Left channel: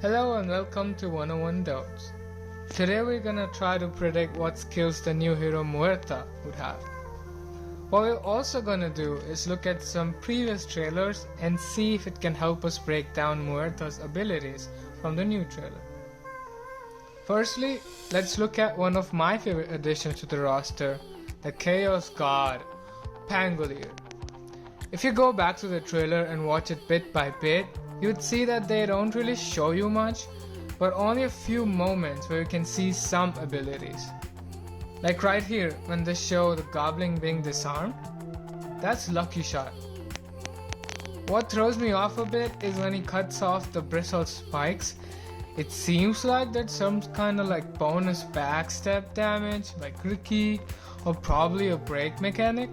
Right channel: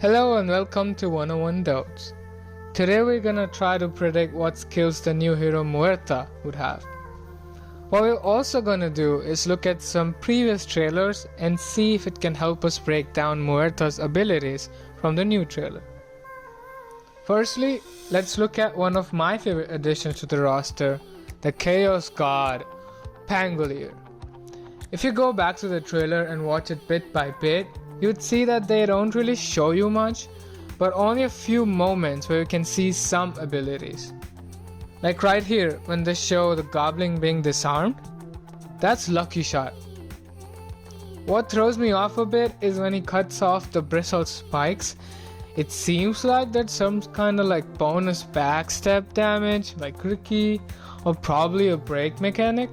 Hello and welcome to 101 Doubts. Today we're gonna try to predict what skills the new hero Muerta would have. What we're also gonna do is look at some previous trailers and see if it can help us break down Muerta's abilities from the new trailer. Firstly, let's look at one of my favorite additions to the roster, the Chaos God, Pangolier. If you go back to the trailer and watch it bit by bit, you'd see that they don't really show you much, but only a few moments where you can see some abilities. Like right here, when they show the goblin being disarmed, that's Lucky Shot. What throws me off a bit is when he cuts off the bristle spikes. It seems like that's some kind of like bonus backstep damage, like Ricky, or probably a break mechanic,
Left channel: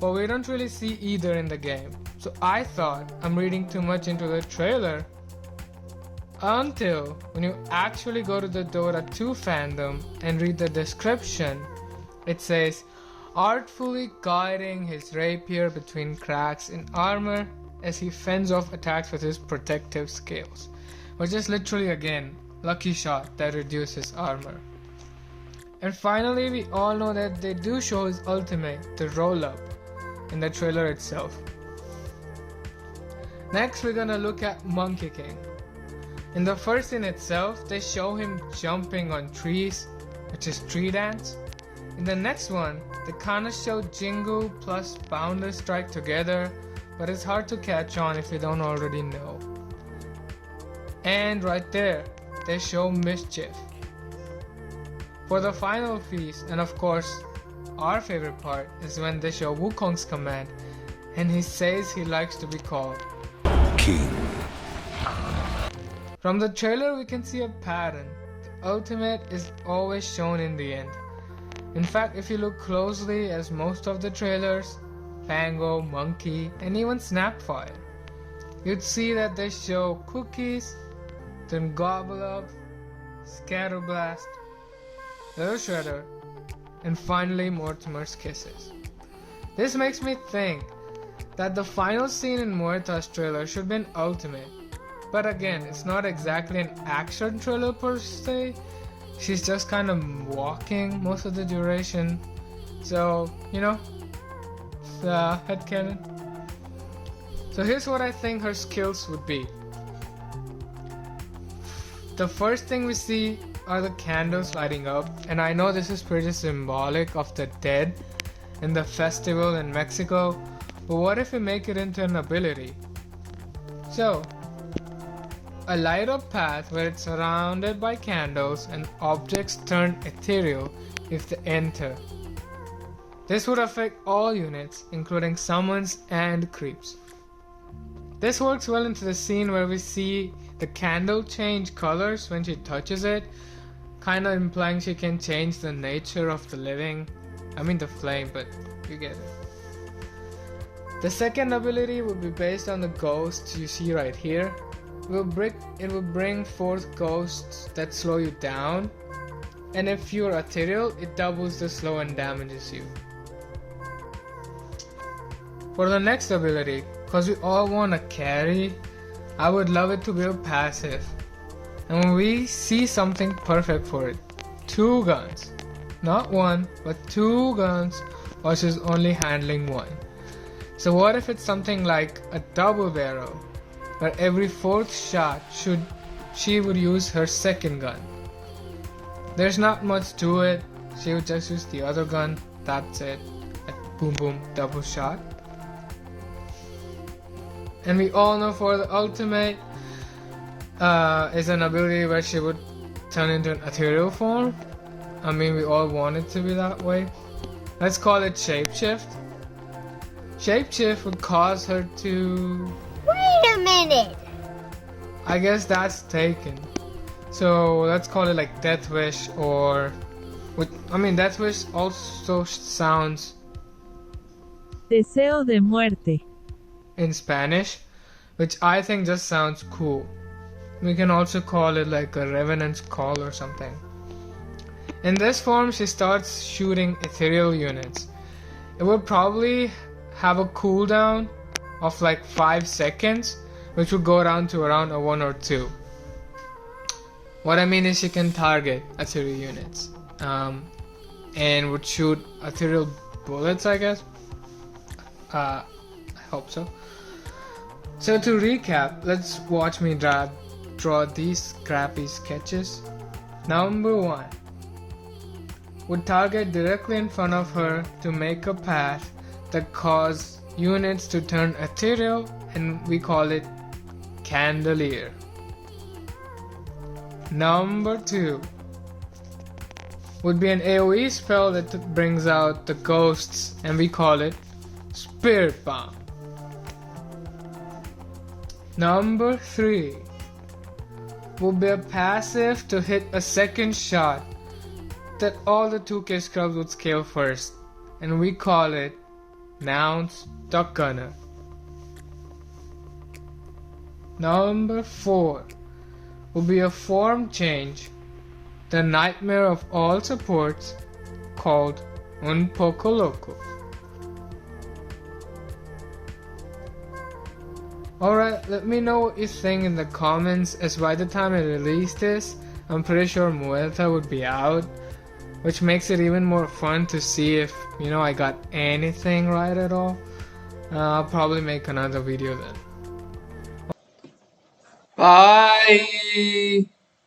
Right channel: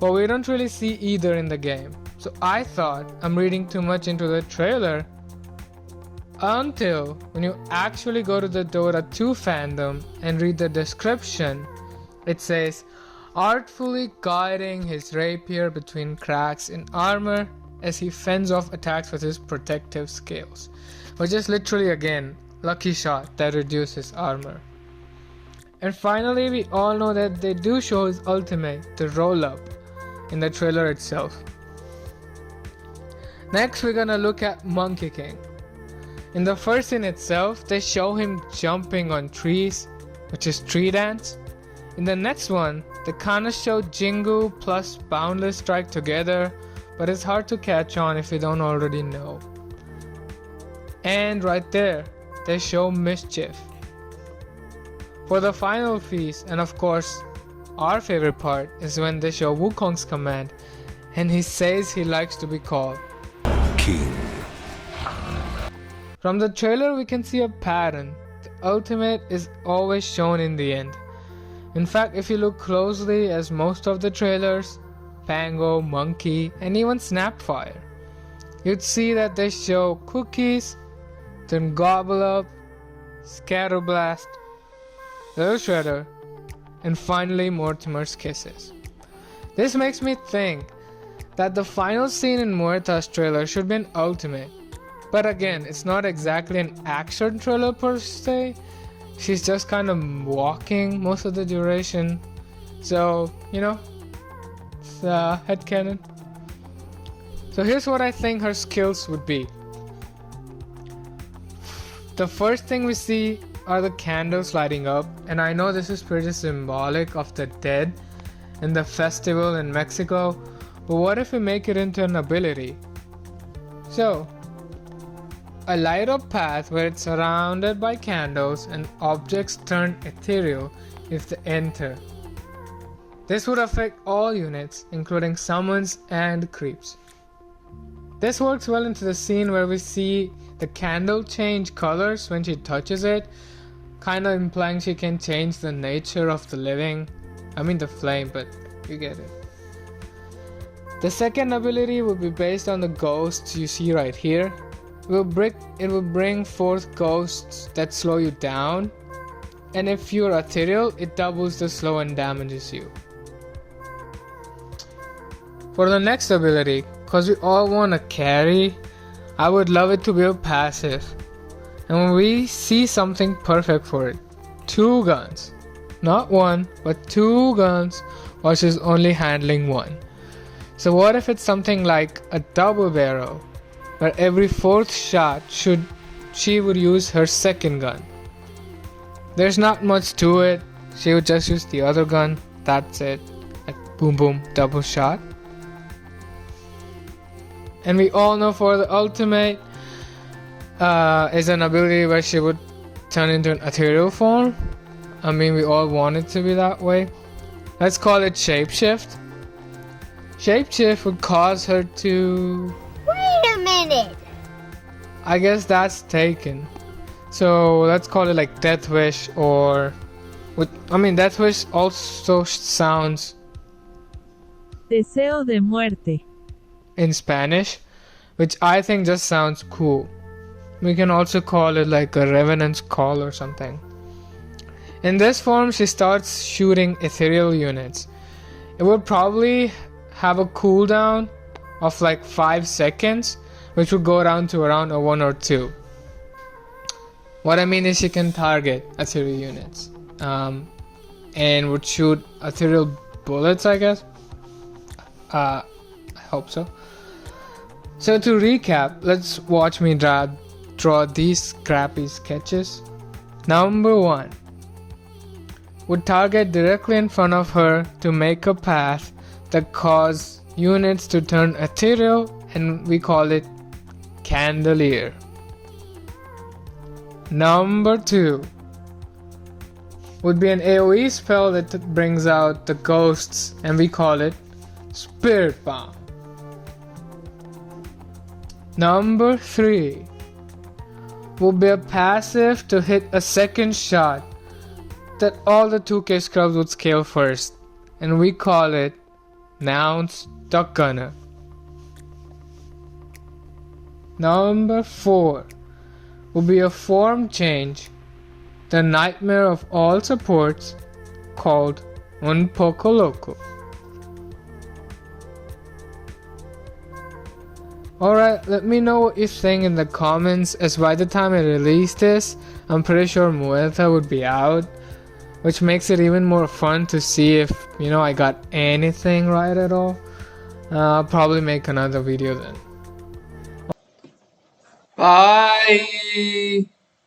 but we don't really see either in the game. So I thought I'm reading too much into the trailer until when you actually go to the Dota 2 fandom and read the description. It says, artfully guiding his rapier between cracks in armor as he fends off attacks with his protective scales, which is literally again Lucky Shot that reduces armor. And finally, we all know that they do show his ultimate, the roll up, in the trailer itself. Next, we're gonna look at Monkey King. In the first scene itself, they show him jumping on trees, which is tree dance. In the next one, they kinda show Jingu plus Boundless Strike together, but it's hard to catch on if you don't already know. And right there, they show Mischief. For the final feast, and of course, our favorite part is when they show Wukong's command, and he says he likes to be called King. From the trailer we can see a pattern. The ultimate is always shown in the end. In fact, if you look closely, as most of the trailers, Fango, Monkey, and even Snapfire, you'd see that they show Cookies, then Gobble Up, Scatterblast, Little Shredder, and finally Mortimer's Kisses. This makes me think that the final scene in Muerta's trailer should be an ultimate. But again, it's not exactly an action trailer per se. She's just kind of walking most of the duration. So, it's headcanon. So here's what I think her skills would be. The first thing we see are the candles lighting up, and I know this is pretty symbolic of the dead in the festival in Mexico, but what if we make it into an ability? So, a light up path where it's surrounded by candles and objects turn ethereal if they enter. This would affect all units, including summons and creeps. This works well into the scene where we see the candle change colors when she touches it, kind of implying she can change the nature of the living. I mean the flame, but you get it. The second ability will be based on the ghosts you see right here. It will bring forth ghosts that slow you down, and if you're ethereal, it doubles the slow and damages you. For the next ability, cause we all want to carry, I would love it to be a passive. And when we see something perfect for it, 2 guns, not 1, but 2 guns, while she's only handling 1. So what if it's something like a double barrel, where every 4th shot she would use her second gun. There's not much to it, she would just use the other gun, that's it, like boom boom, double shot. And we all know for the ultimate is an ability where she would turn into an ethereal form. I mean, we all want it to be that way. Let's call it Shapeshift. Shapeshift would cause her to... Wait a minute! I guess that's taken. So let's call it like Death Wish, or... Death Wish also sounds... Deseo de muerte. In Spanish, which I think just sounds cool. We can also call it like a Revenant's Call or something. In this form, she starts shooting ethereal units. It would probably have a cooldown of like 5 seconds, which would go down to around a 1 or 2. What I mean is she can target ethereal units and would shoot ethereal bullets, I guess. I hope so. So to recap, let's watch me draw these crappy sketches. Number 1 would target directly in front of her to make a path that cause units to turn ethereal, and we call it candelier. Number 2 would be an AoE spell that brings out the ghosts, and we call it spirit bomb. Number 3 would be a passive to hit a second shot that all the 2k scrubs would scale first, and we call it Nouns Duck Gunner. Number 4 would be a form change, the nightmare of all supports, called Un Poco Loco. Alright, let me know what you think in the comments, as by the time I release this, I'm pretty sure Muerta would be out, which makes it even more fun to see if, I got anything right at all. I'll probably make another video then. Bye.